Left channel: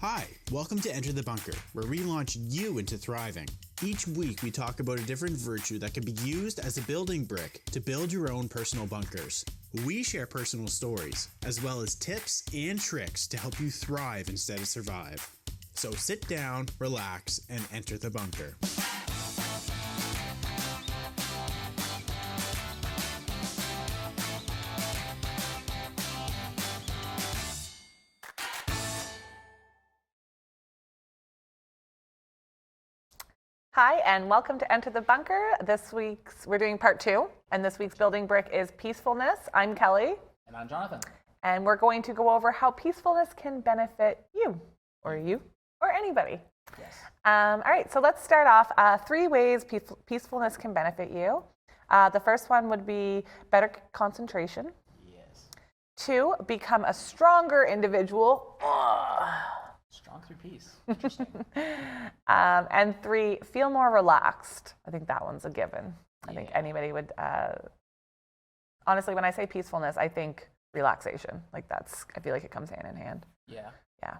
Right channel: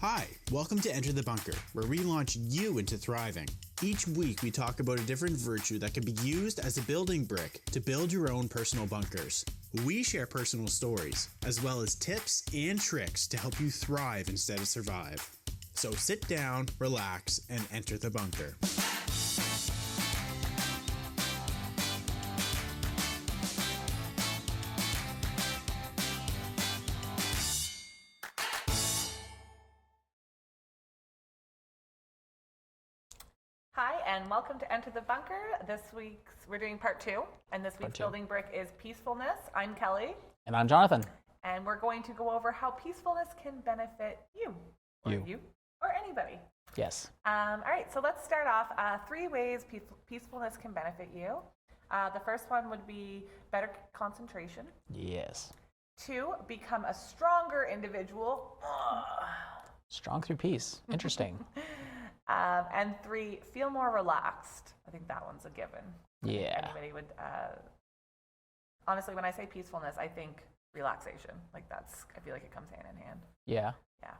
Hi, welcome to Enter the Bunker, where we launch you into thriving. Each week we talk about a different virtue that can be used as a building brick to build your own personal bunkers. We share personal stories, as well as tips and tricks to help you thrive instead of survive. So sit down, relax, and enter the bunker. Hi, and welcome to Enter the Bunker. We're doing part 2, and this week's building brick is peacefulness. I'm Kelly. And I'm Jonathan. And we're going to go over how peacefulness can benefit you, or anybody. Yes. All right, so let's start off. 3 ways peacefulness can benefit you. The first one would be better concentration. Yes. 2, become a stronger individual. Strong through peace. Interesting. And 3, feel more relaxed. I think that one's a given. I think anybody would, honestly, when I say peacefulness, I think relaxation. I feel like it comes hand in hand. Yeah. Yeah.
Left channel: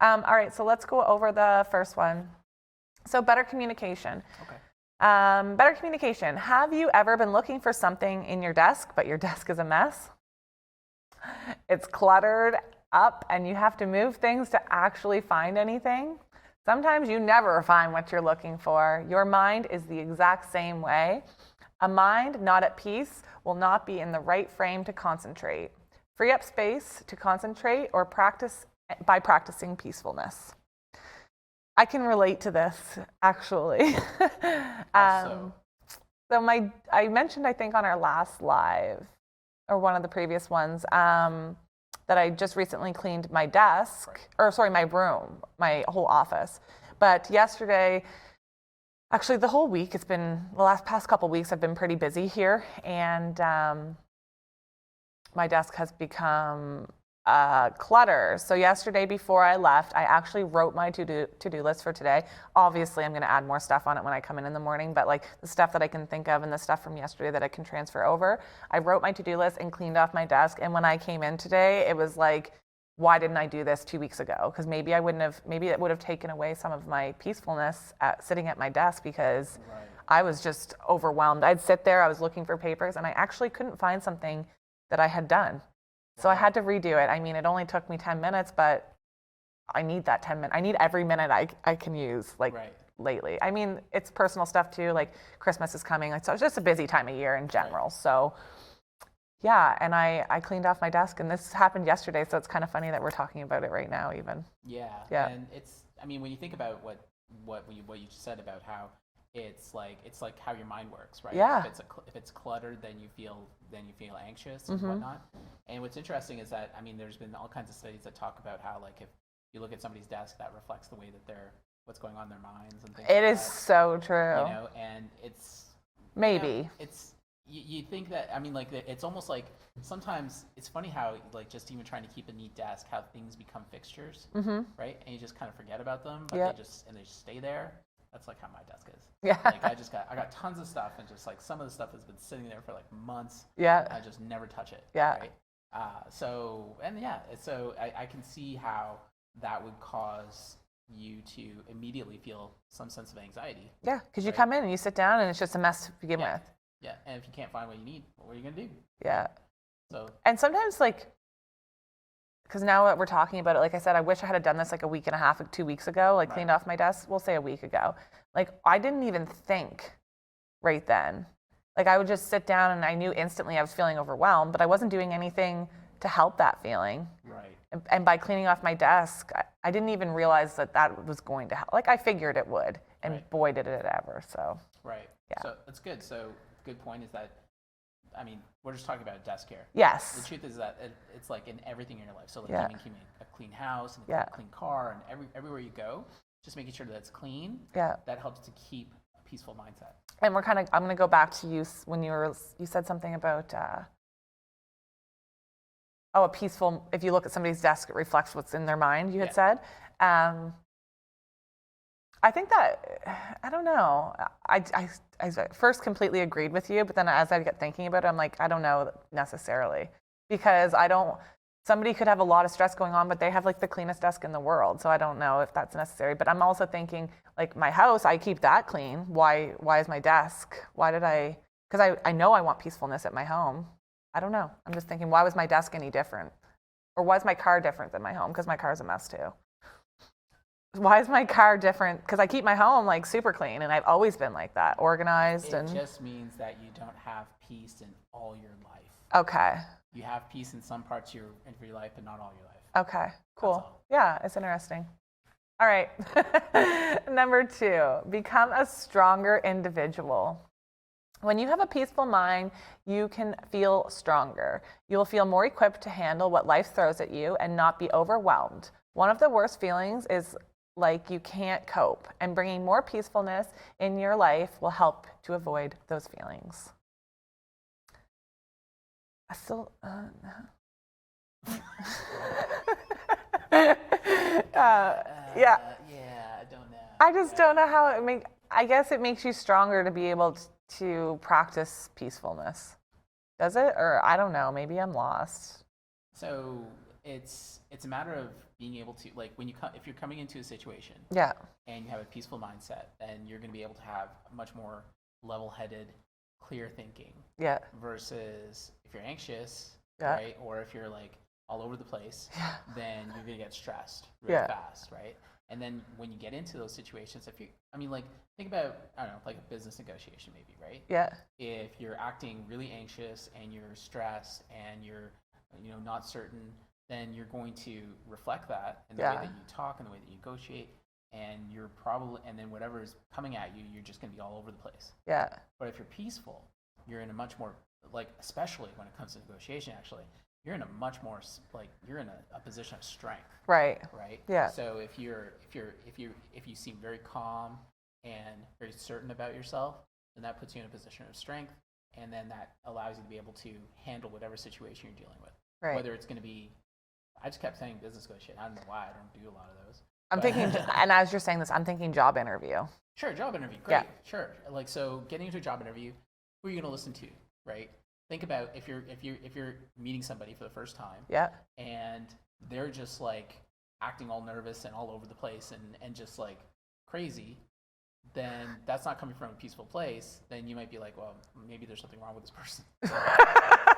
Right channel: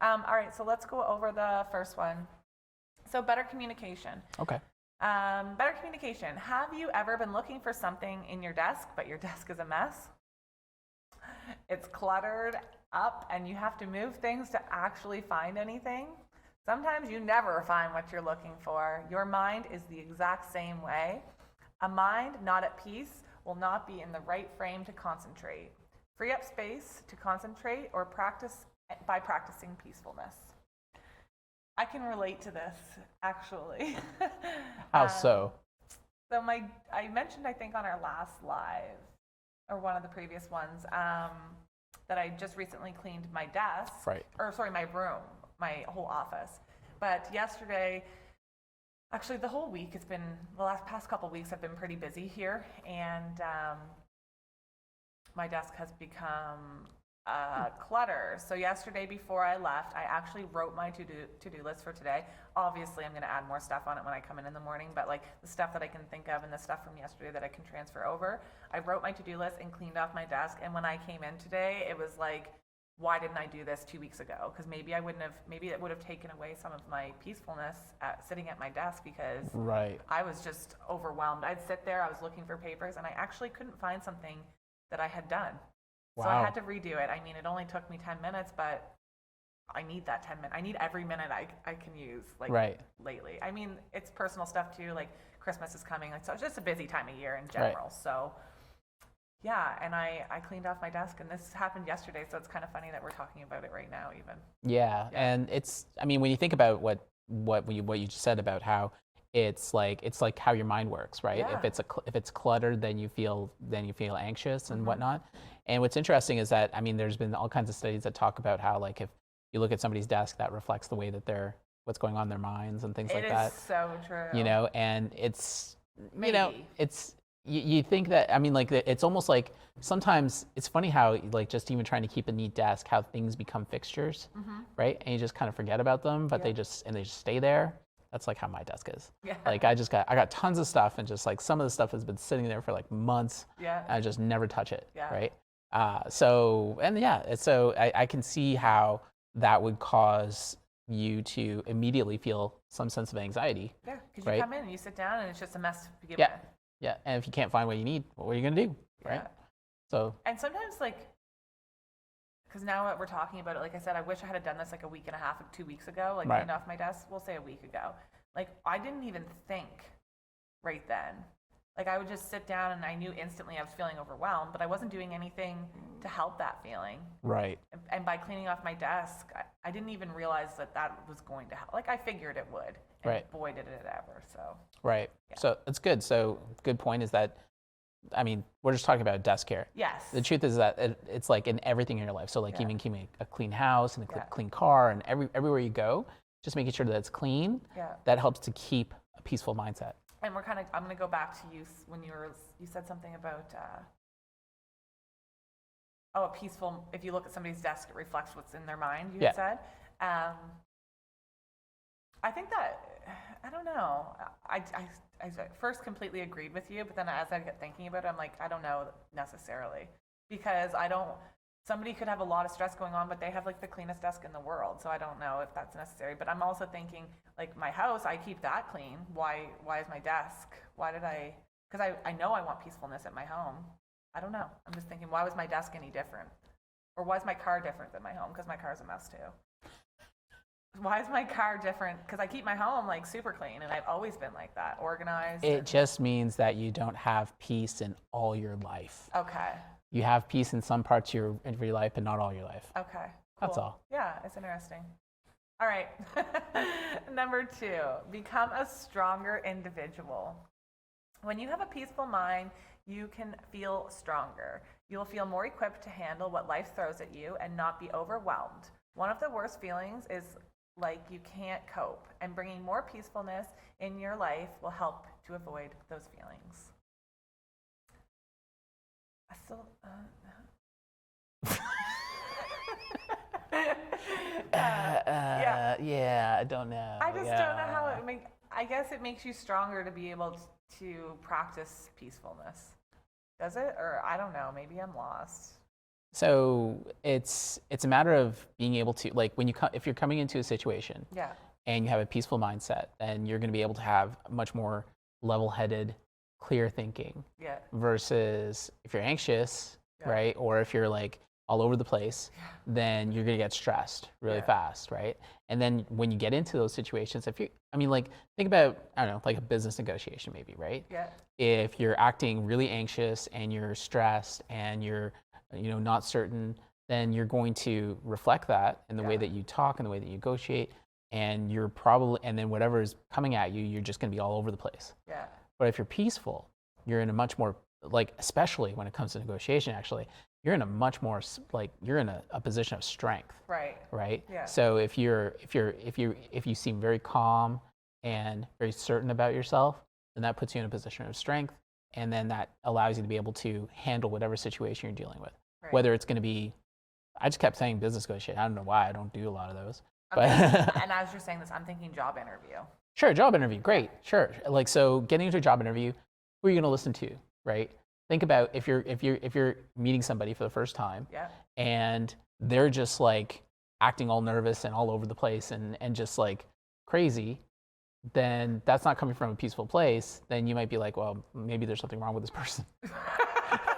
All right, so let's go over the first one. So better communication. Okay. Better communication. Have you ever been looking for something in your desk, but your desk is a mess? It's cluttered up and you have to move things to actually find anything. Sometimes you never find what you're looking for. Your mind is the exact same way. A mind not at peace will not be in the right frame to concentrate. Free up space to concentrate or practice by practicing peacefulness. I can relate to this, actually. How so? So I mentioned, I think, on our last live, or one of the previous ones, that I just recently cleaned my desk, my room, my whole office. But yesterday, actually the whole week, the past couple weeks I've been pretty busy here, and my desk has become clutter. So yesterday before I left, I actually wrote my to-do list for today. Obviously, I'm going to add more stuff on it when I come in the morning, but the stuff that I can think of and the stuff from yesterday that I can transfer over, I wrote my to-do list and cleaned off my desk. And when I came in today, it was like, why didn't I do this 2 weeks ago? Because maybe it would have taken away some of my peacefulness sitting at my desk, because I was just overwhelmed. I'd sit there, I was looking for papers, and I actually couldn't find something that I had done. So I had to redo it. I mean, it only took me 10 minutes, but I need that 10 minutes. I need every minute I can use lately. I mean, it's personal stuff too, like Christmas is coming. So it's just a busy time of year in general. So yeah, and I cleaned off my desk, and this happened yesterday, so it's kind of funny that we're talking about it right now even. Yeah. And when you think about what you just said about how it's like how your mind works, right? Yeah. If it's cluttered, then you feel anxious and whatnot. And what's interesting is that, there's been all kinds of studies that talk about how, if you look at somebody's desk, that reflects the way that what's going on in their minds and things like that. It is so true. And it's maybe you think that, it's almost like sometimes it's funny how, just even trying to keep a neat desk, how things become fixtures, right? And you just kind of forget about them, but they just stay there. That's like how my desk is. Yeah. I got tons of stuff, and just some of the stuff has been sitting there for months. Yeah. And I just never touch it. Yeah. Right. So I can see how that would cause you to immediately feel some sense of anxiety. Yeah, because you come in and you sit down and it's just a mess to begin with. Yeah, and if you can't find what you need, what are you gonna do? Yeah. Right? So. And sometimes because now that we're talking about it, like I said, I wish I had done this a week and a half, 2 weeks ago, cleaned off my desk, we'll say a week ago. I didn't even think right then. I would just sit down and I knew instantly I was feeling overwhelmed, but I wasn't doing anything to help that feeling. Right. And by cleaning off my desk, I didn't even realize that was going to help. I figured it would, and boy, did it ever, so. Right. Yeah. So that's good. So good point is that, we're just talking about a desk here. Yes. The truth is that it's in everything in your life. So even keeping a clean house and a clean car, and everywhere you go, just making sure that it's clean. Yeah. That helps to keep a peaceful mindset. And I'm going to go back to you when you said something about, a peaceful, if you look at somebody's desk, it reflects what's in their mind, you had said. I think that, I don't know. I first completely agreed with you, but then as I get thinking about it, I'm like, I don't know necessarily. Because somebody could have a lot of stress going on, but they have like the cleanest desk in the world. So I don't know if that's necessary. But I'm also thinking, like my house, I keep that clean. Why is my desk? Why did I? Because I know I want peacefulness at my home. I don't know. I'm just thinking, why was my desk any different? Or why is my car different than my home? Because my car's a mess too. Why is my car different? Because I keep my home like super clean, and I've always been like that, organized. It just means that you don't have peace in all your life. Okay. You have peace in some parts of your life, but not all your life. Okay. Cool. That's all. Yeah, it's interesting. All right. Number 2, become a stronger individual. When you have a peaceful mind, you can feel stronger. You will feel more equipped to handle what life throws at you and not be overwhelmed. One of the worst feelings is like you can't cope, and bringing more peacefulness in your life will help to avoid those feelings. I still, Yeah, I don't know. I just don't know how I guess it makes you stronger to be able to practice peacefulness. Does it? Or I don't know, maybe I'm lost. So it's a matter of being able to, like, if you're coming into a situation Yeah. and you have a peaceful mindset, then you're going to be able to have much more level-headed, clear thinking. Yeah. Versus if you're anxious, Yeah. right, or if you're like all over the place, then you're going to get stressed really fast, right? And then when you get into those situations, think about, I don't know, like a business negotiation maybe, right? Yeah. If you're acting really anxious and you're stressed and you're not certain, then you're going to reflect that in the way that you talk and the way that you negotiate, and and then whatever is coming at you, you're just going to be all over the place. Yeah. But if you're peaceful, you're in a much more, like, especially when it comes to negotiation, actually, you're in a much more, like, you're in a position of strength. Right. Right. Yeah. So if you seem very calm and very certain about yourself, then that puts you in a position of strength, and then that allows you to be able to handle whatever situation you're dealing with. Right. Whether it's going to be, I just kept saying business negotiation. I don't know why I don't do a lot of those. I'm thinking, and as you're saying this, I'm thinking job interview. Sure, job interview, great, Yeah. sure. Like, so getting into a job interview, who are you going to listen to, right? Think about if you're meeting somebody for the first time, Yeah. and they're just like acting all nervous and all over the place and just like crazy, then that's not coming from a peaceful place. Then you might be like, well, maybe there's something wrong with this person.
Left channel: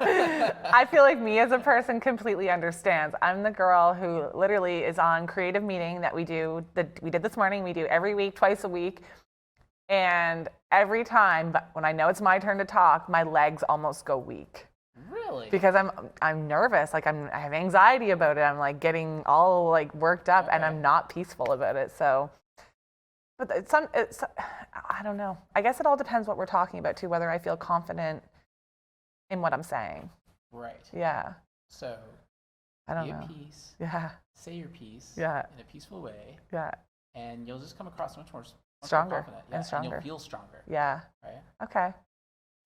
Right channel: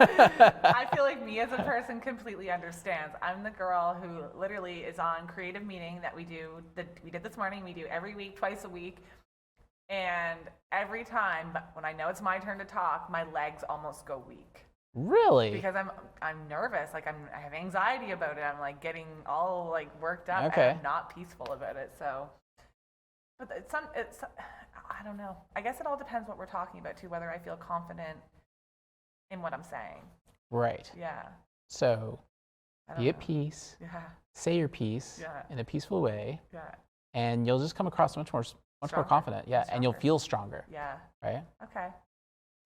I feel like me as a person completely understands. I'm the girl who literally is on creative meeting that we did this morning. We do every week, twice a week. And every time, but when I know it's my turn to talk, my legs almost go weak. Really? Because I'm nervous. Like I have anxiety about it. I'm like getting all like worked up, and I'm not peaceful about it. So, but it's I don't know. I guess it all depends what we're talking about too. Whether I feel confident in what I'm saying. Right. Yeah. So be at know. peace. Yeah. Say your piece in a peaceful way. Yeah. And you'll just come across much more Stronger. confident. Yeah. And you'll feel stronger. Yeah. Right? Okay.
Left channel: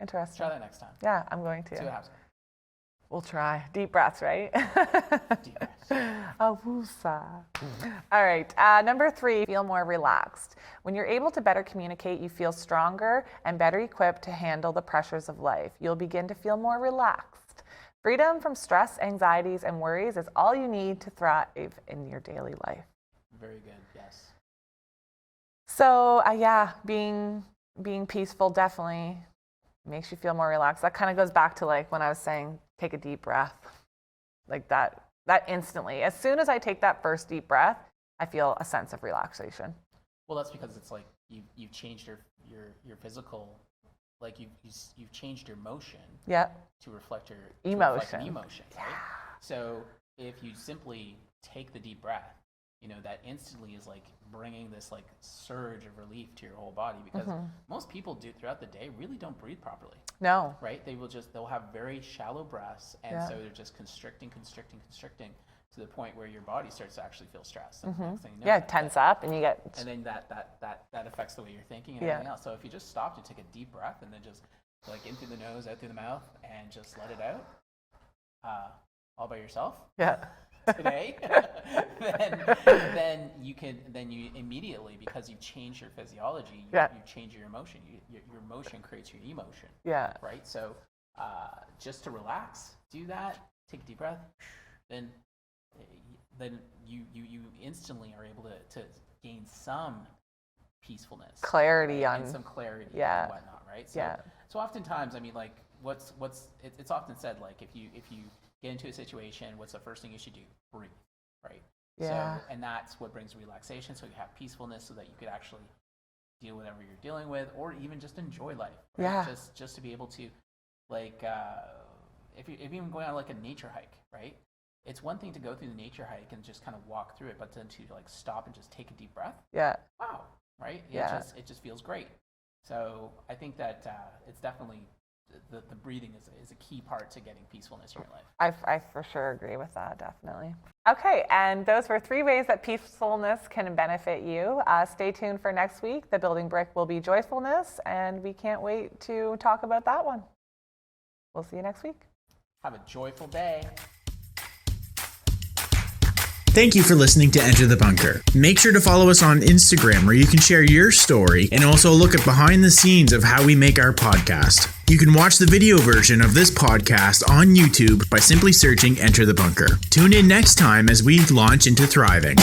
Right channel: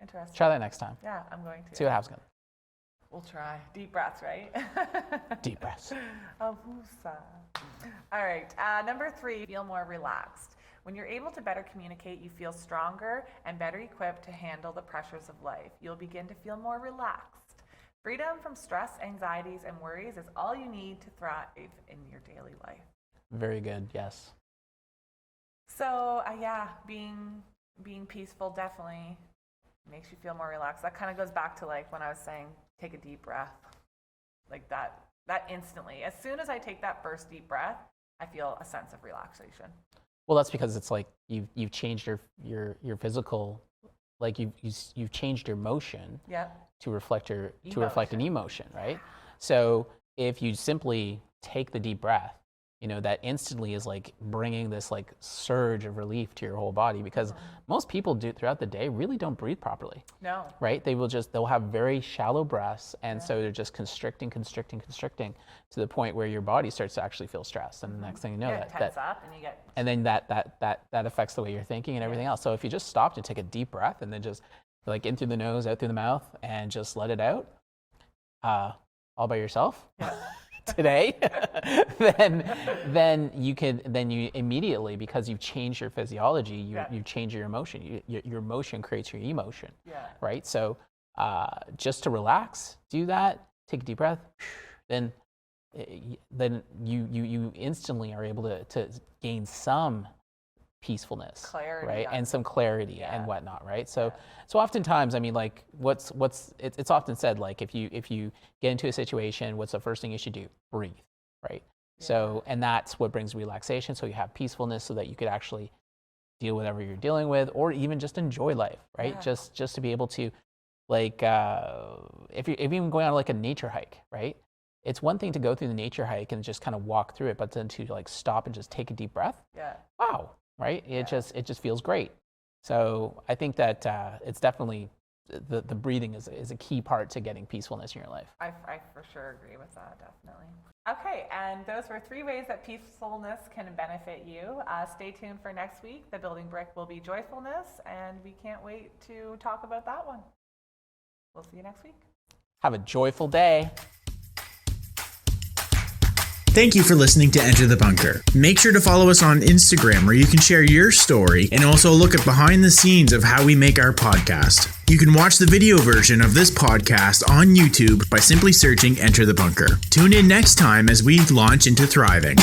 Interesting. Try that next time. Yeah, I'm going to. See what happens. We'll try. Deep breaths, right? Deep breaths. A woosah. All right. Number 3, feel more relaxed. When you're able to better communicate, you feel stronger and better equipped to handle the pressures of life. You'll begin to feel more relaxed. Freedom from stress, anxieties, and worries is all you need to thrive in your daily life. Very good. Yes. So, being peaceful definitely makes you feel more relaxed. That kind of goes back to like when I was saying, take a deep breath. Like that instantly. As soon as I take that first deep breath, I feel a sense of relaxation. Well, that's because it's like you've changed your physical, like you've changed your motion to reflect an emotion, right? So if you simply take the deep breath, that instantly is like bringing this like surge of relief to your whole body, because most people throughout the day really don't breathe properly. No. Right? They'll have very shallow breaths, and so they're just constricting to the point where your body starts to actually feel stressed. And the next thing you know, tense up, and you get. And then that affects the way you're thinking and everything else. So if you just stopped and take a deep breath and then just like in through the nose, out through the mouth, and just let it out, all by yourself. Yeah. Today, then you immediately, because you've changed your physiology, you change your emotion. Your emotion creates your emotion. Yeah. Right. So just to relax, do that. Take a deep breath, then you instantly are able to gain some peacefulness, clarity, right? And some clarity and whatnot, right? So Yeah. so oftentimes, I mean, like it's often said, like if you get into a situation, what's the first thing you should do? Breathe, right? So, and that's what brings relaxation. So you have peacefulness, so that you could actually deal with whatever you're dealing with, or even just enjoy life, right? Yeah. Just to be able to, like, if you're even going on like a nature hike, right? It's one thing to go through the nature hike and just kind of walk through it, but then to like stop and just take a deep breath. Yeah. Wow, right? It just feels great. So I think that it's definitely the breathing is a key part to getting peacefulness in your life. I for sure agree with that, definitely. Okay, and those were 3 ways that peacefulness can benefit you. Stay tuned for next week. The building brick will be joyfulness, and we can't wait to talk about that one. We'll see you next week. Have a joyful day. Thank you for listening to Enter the Bunker. Make sure to follow us on Instagram, where you can share your story and also look at behind the scenes of how we make our podcast. You can watch the video version of this podcast on YouTube by simply searching Enter the Bunker. Tune in next time as we launch into thriving.